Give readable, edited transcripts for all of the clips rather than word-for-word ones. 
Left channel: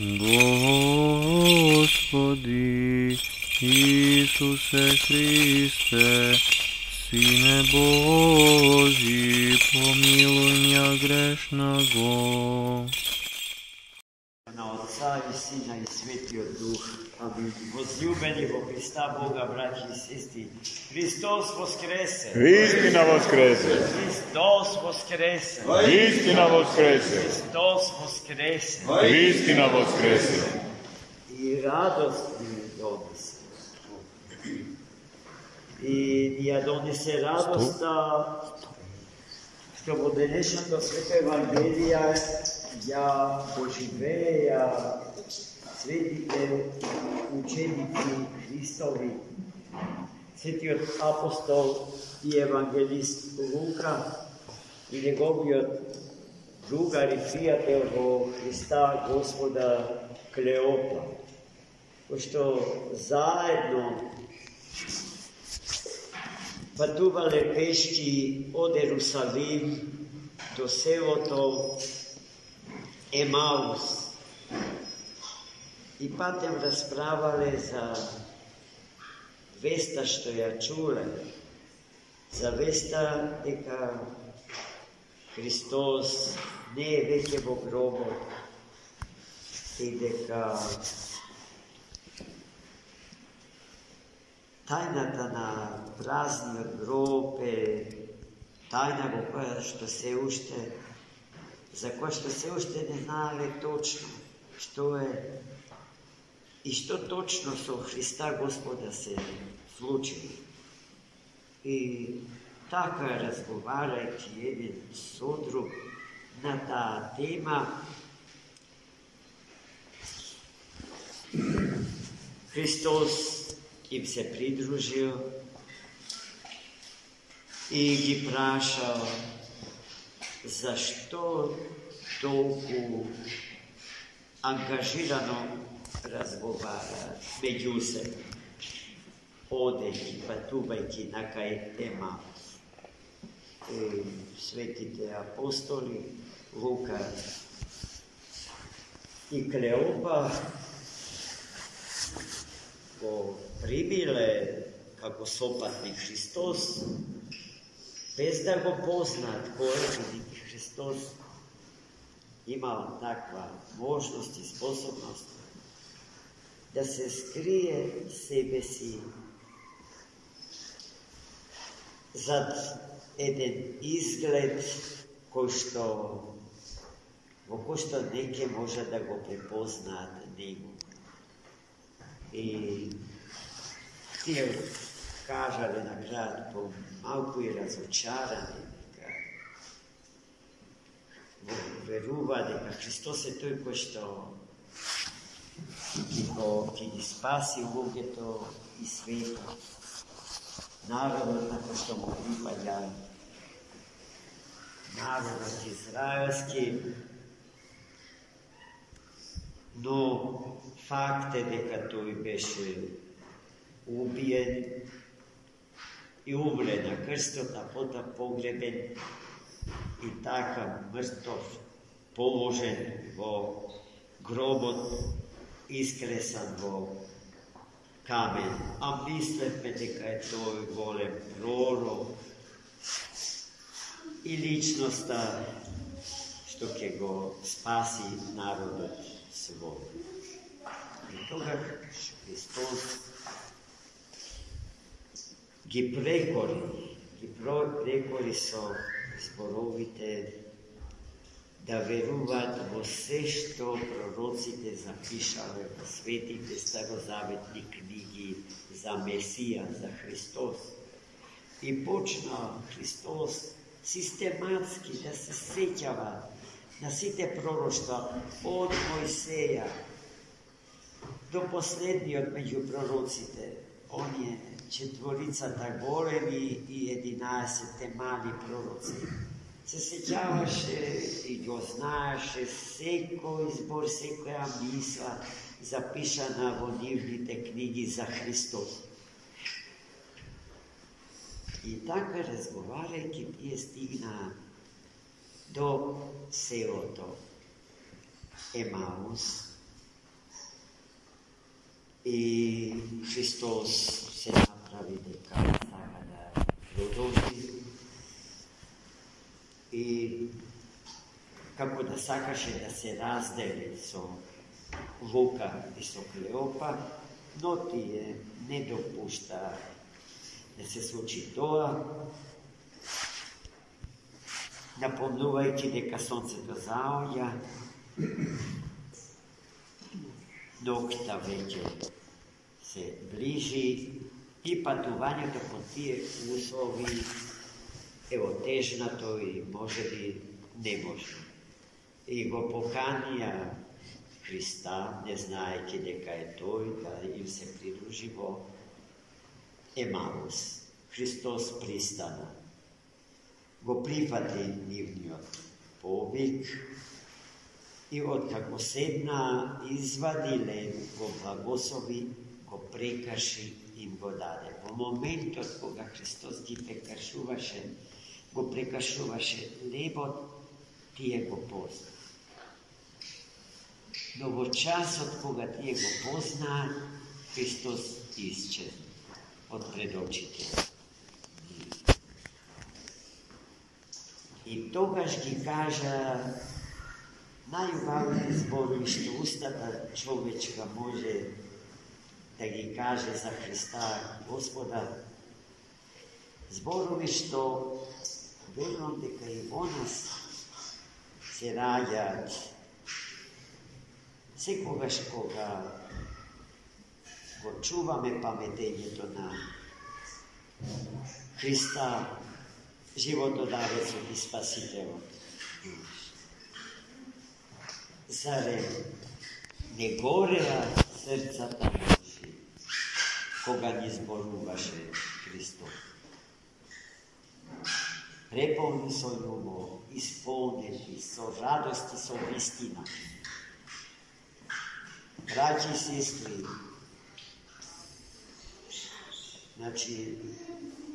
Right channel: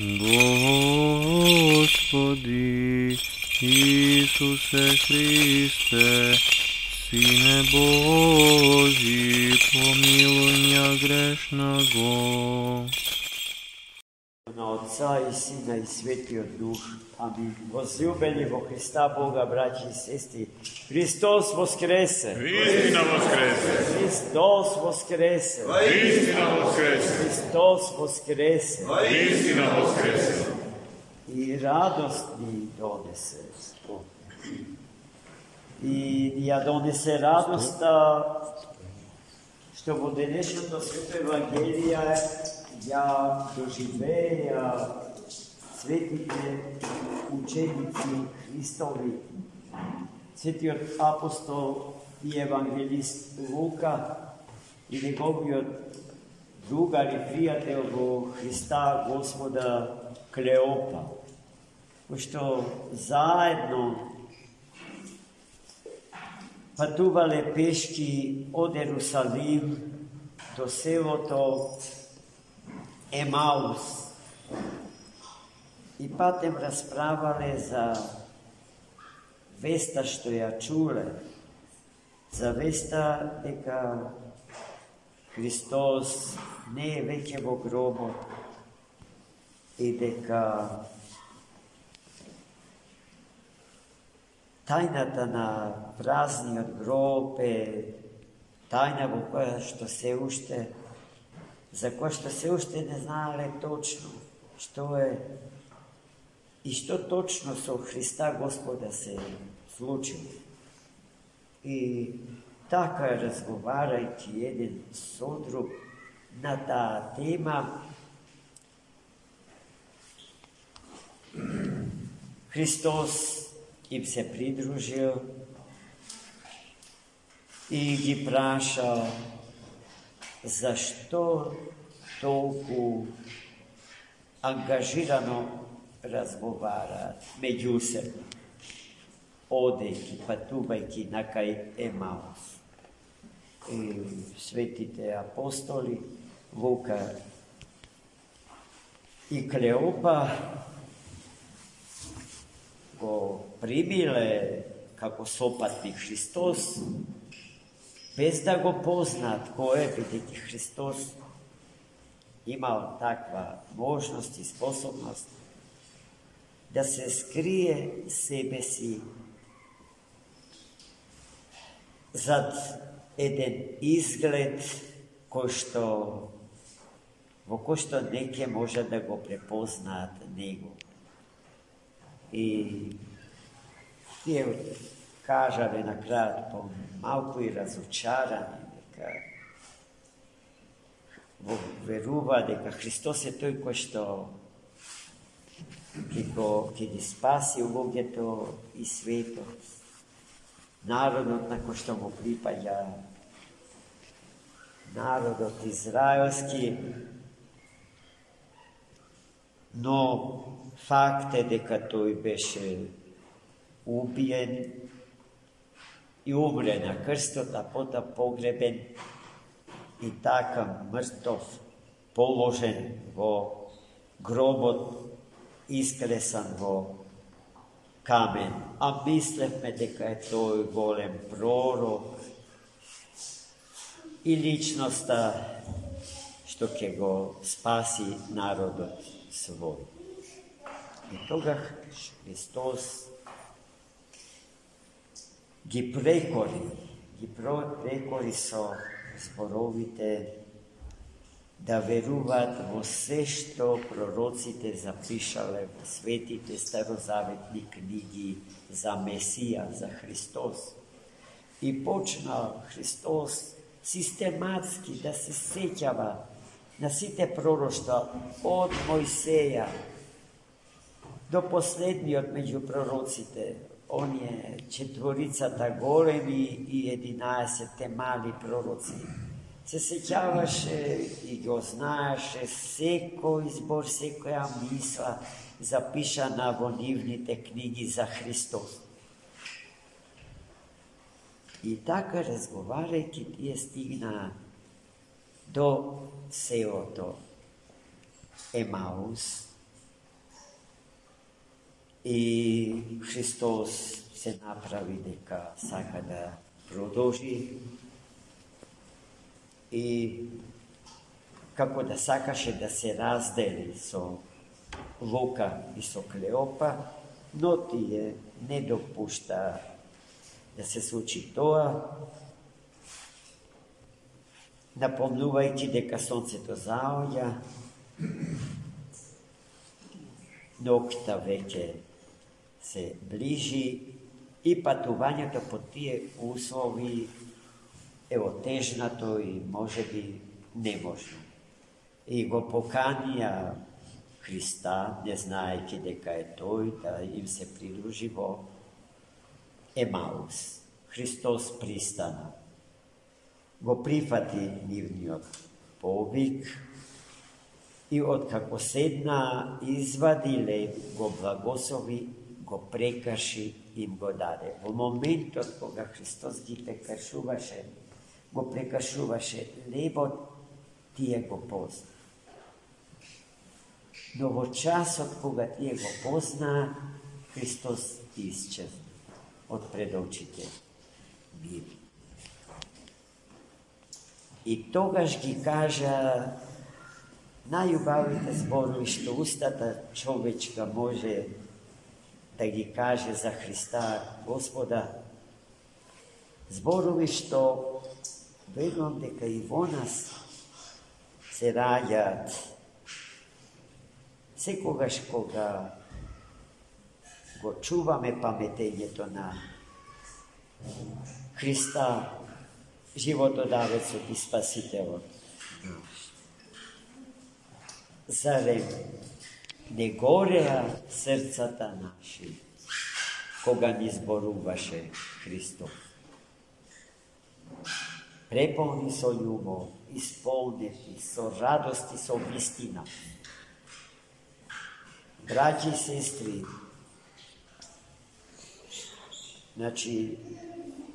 Господи Исусе Христе, Сине Божий, помилуй меня грешного. Na Otca i Syna i Svetio Duh. Amin. Возлюбени во Христа Бога, братья и сестры, Христос воскресе! Истина воскресе! Христос воскресе! Истина воскресе! Христос воскресе! Истина воскресе! И радост ни донесе. И ја донесе радоста, што во денешното свето Евангелие ја доживеја светите ученици Христови, светиот апостол и евангелист Лука и неговиот другар и пријател во Христа Господа Клеопа, кои што заедно патувале пешки од Ерусалим до селото Емаус и патем расправале за веста што ја чуле, за веста дека Христос не е веќе во гробот и дека тајната на празниот гроб е тајна во која што се уште, за која што се уште не знаеле точно што е и што точно со Христа Господа се случило. И така разговарајќи еден со друг на таа тема, Христос им се придружил и ги праша зашто толку ангажирано разговараат меѓусебно, одејќи, патувајќи на кај Емаус. И светите апостоли Лука и Клеопа го примиле како сопатник Христос, без да го познаат кој е, бидејќи Христос имал таква можност и способност да се скрие себе си зад еден изглед во кој што неќе може да го препознаат него. И тие кажале на крајот по малку и разочарани, дека верува дека Христос е тој кој што ќе ги спаси луѓето и светот, народот на кој што му припаѓа, народот израелски, но факт е дека тој беше убиен и умре на крстот, а потоа погребен и така мртов положен во гробот, искресан во камен. А мислевме дека е тој голем пророк и личноста што ќе го спаси народот свој. И тогаш Христос ги прекори со зборовите да веруваат во се што пророците запишале во светите старозаветни книги за Месија, за Христос. И почнал Христос систематски да се сеќава на сите пророштва од Мојсеја до последниот меѓу пророците, оние четворицата големи и 11 мали пророци. Се сеќаваше и го знаеше секој збор, секоја мисла запишана во нивните книги за Христос. И така разговарајќи тие стигна до селото Емаус i Hristos se napravi дека сака да продолжи и како да сакаше да се раздели со Лука и со Клеопа, но тие не допушта да се случи тоа, напомнувајќи дека сонцето заоѓа, ноќта веќе се ближи и патувањето по тие услови е отежнато и можеби неможно. И го поканија Христа, не знаејќи дека е тој, да им се придружи во Емаус. Христос пристана. Го прифати нивниот повик и откако седна, извади лед, го благослови, го прекаши и им го даде. Во моментот кога Христос ги го прекашуваше лебот, тие го позна. Но во часот кога тие го познаа, Христос исчезна од пред очите нив. И тогаш ги кажа најубавите зборови што устата човечка може да ги каже за Христа Господа, зборови што верувам дека и во нас се раѓаат секогаш кога го чуваме паметењето на Христа, животодавецот и спасителот. Зарем не гореа срцата наши кога ни зборуваше Христос? Преполни со љубов, исполнети со радост и со вистина. Браќи и сестри, значи,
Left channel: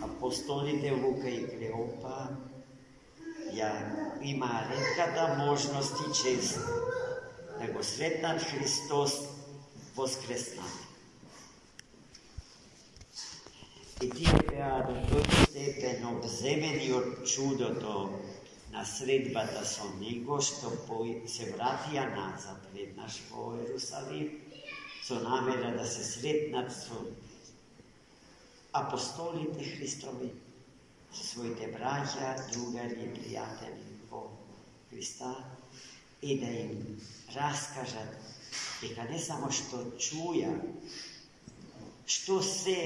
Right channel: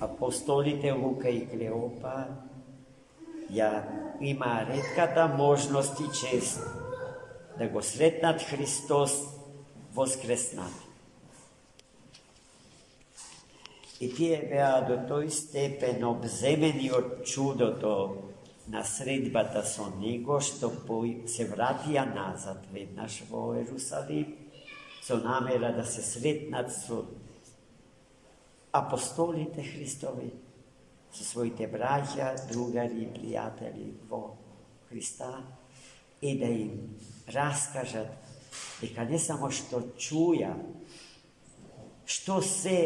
апостолите Лука и Клеопа ја има ретката можност и чест да го сретнат Христос воскреснат. И тие беа до тој степен обземени од чудото на средбата со него, што се вратија назад веднаш во Ерусалим, со намера да се сретнат со апостолите Христови, со своите браќа, другари и пријатели во Христа, и да им раскажат дека не само што чуја, што се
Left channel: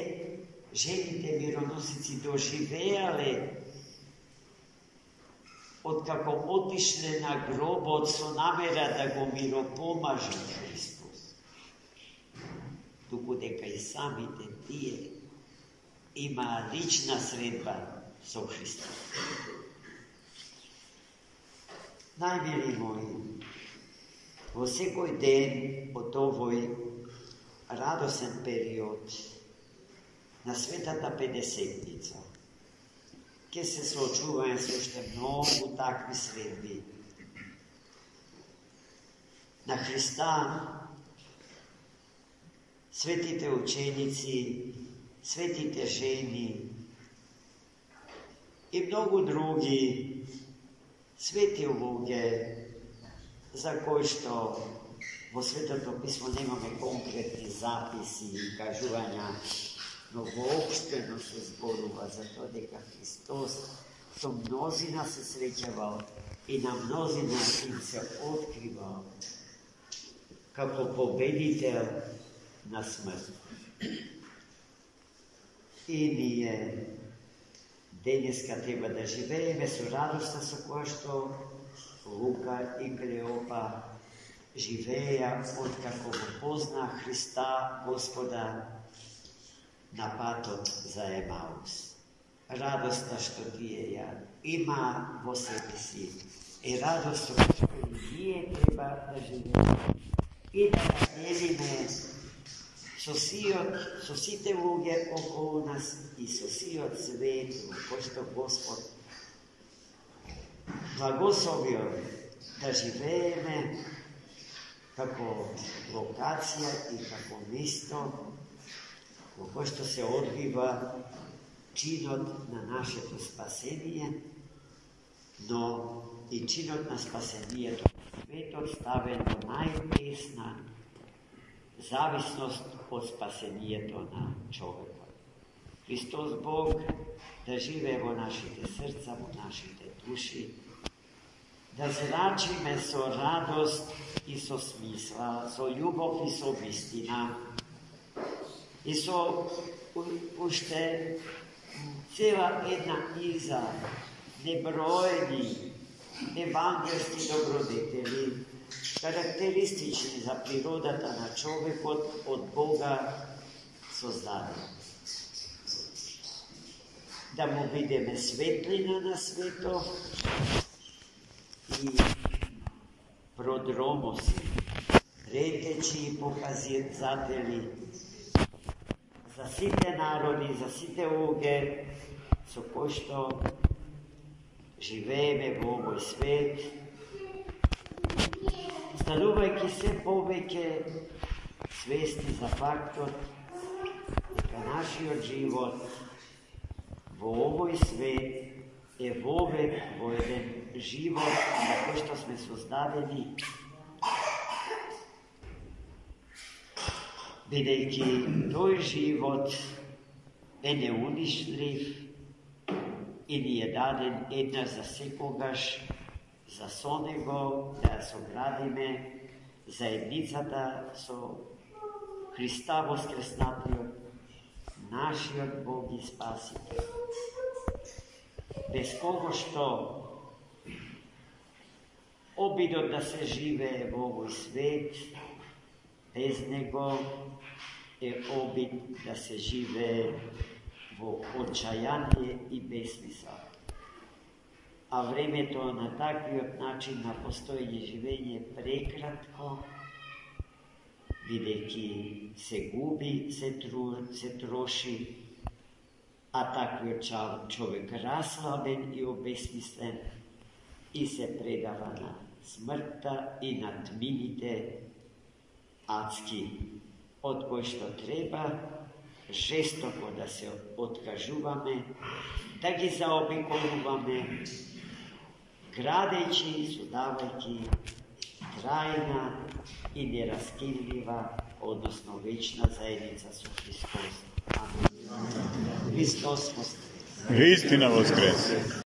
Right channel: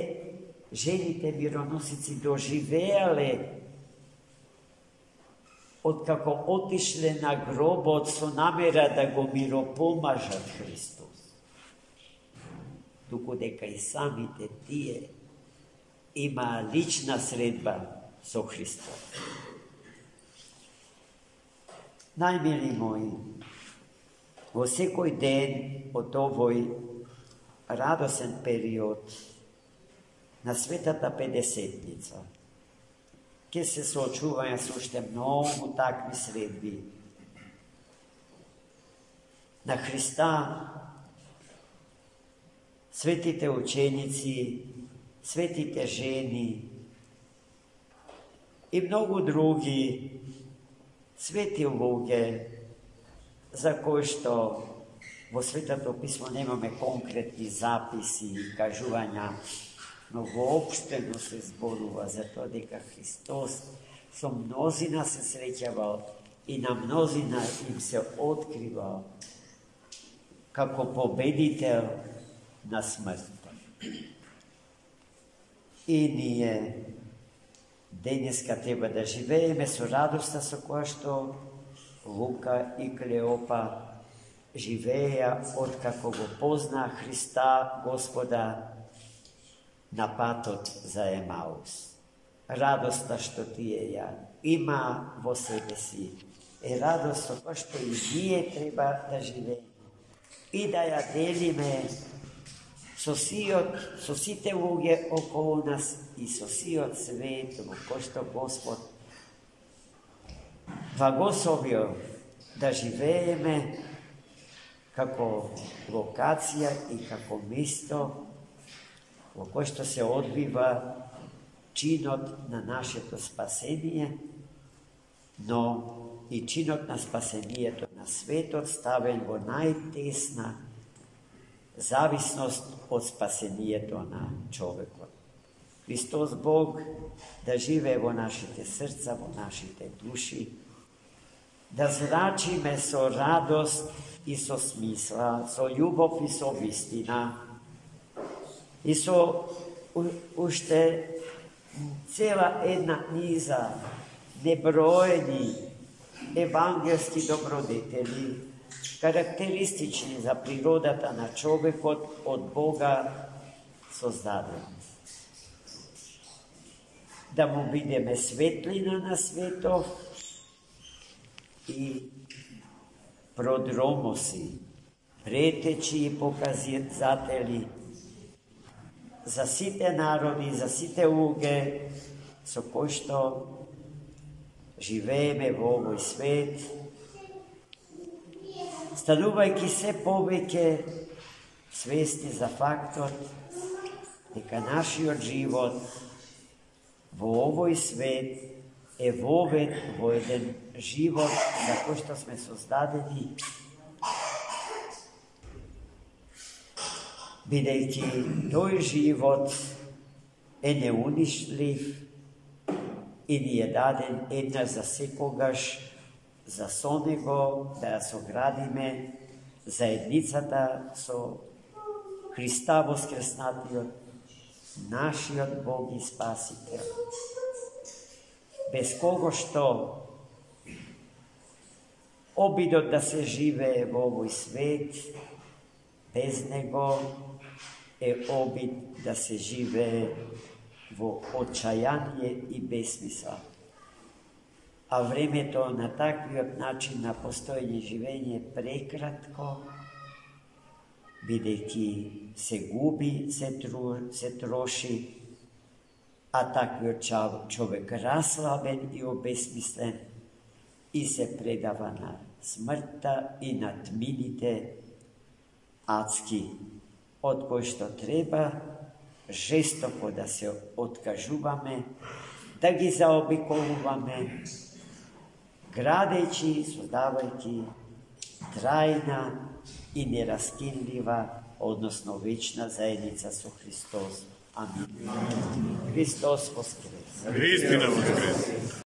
жените мироносици доживеале откако отишле на гробот со намера да го миропомажат Христос, туку дека и самите тие има лична средба со Христос. Најмили мои, во секој ден од овој радосен период на Светата Педесетница ќе се соочуваја со уште многу такви средби на Христа, светите ученици, светите жени и многу други свети луѓе за кои што во Светото Писмо немаме конкретни записи и кажувања, но воопштено се зборува за тоа дека Христос со мнозина се среќавал и на мнозина им се откривал како победител на смрт. И ние денеска треба да живееме со радоста со која што Лука и Клеопа живееа откако го познаа Христа Господа на патот за Емаус. Радоста што тие ја има во себе си е радост која што и ние треба да живееме и да ја делиме со сите луѓе околу нас и со сиот свет во кој што Господ благословил да живееме kako lokacija i kako mjesto u koje što se odbiva činot na naše to spasenije, no i činot na spasenije to na sveto stavljen do najtesna zavisnost od spasenije to na čovjeku. Hristos Bog da žive vo našite srca, vo našite duši, da zračime so radost i so smisla, so ljubov i so istina, i so ušte cela jedna niza nebrojeni evangelski dobrodeteli, karakteristični za prirodata na čovjeka od Boga sozdadeni. Da mu vidime svetlina na sveto i prodromosi, preteći i pokazatelji za site narodi, za site uge, so pošto živeme v ovoj svet, stanuvajki se poveke svesti za faktor, neka naš život v ovoj svet je voved v jedan život, za ko što sme sozdadeni, videjki toj život je neuništljiv i nije daden jedna za sekogaš, za sonego, da so gradime, zajednicata so Hrista voskresnatio, našiot Bog i Spasitelj. Bez kogo što obidot da se žive v ovoj svet, bez nego je obid da se žive v očajanje i besmisla. A vreme to na takvi način na postojanje živenje prekratko, videki se gubi, se troši, a takvi čovjek raslaven i obesmislen i se predava na smrta i na tminite adski, od koji što treba žestoko da se otkažuvame, da gi zaobikoluvame, gradeći, sodavajki trajna i neraskidljiva, odnosno vična zajednica su Hristos. Amin. Hristos voskres. Istina voskres.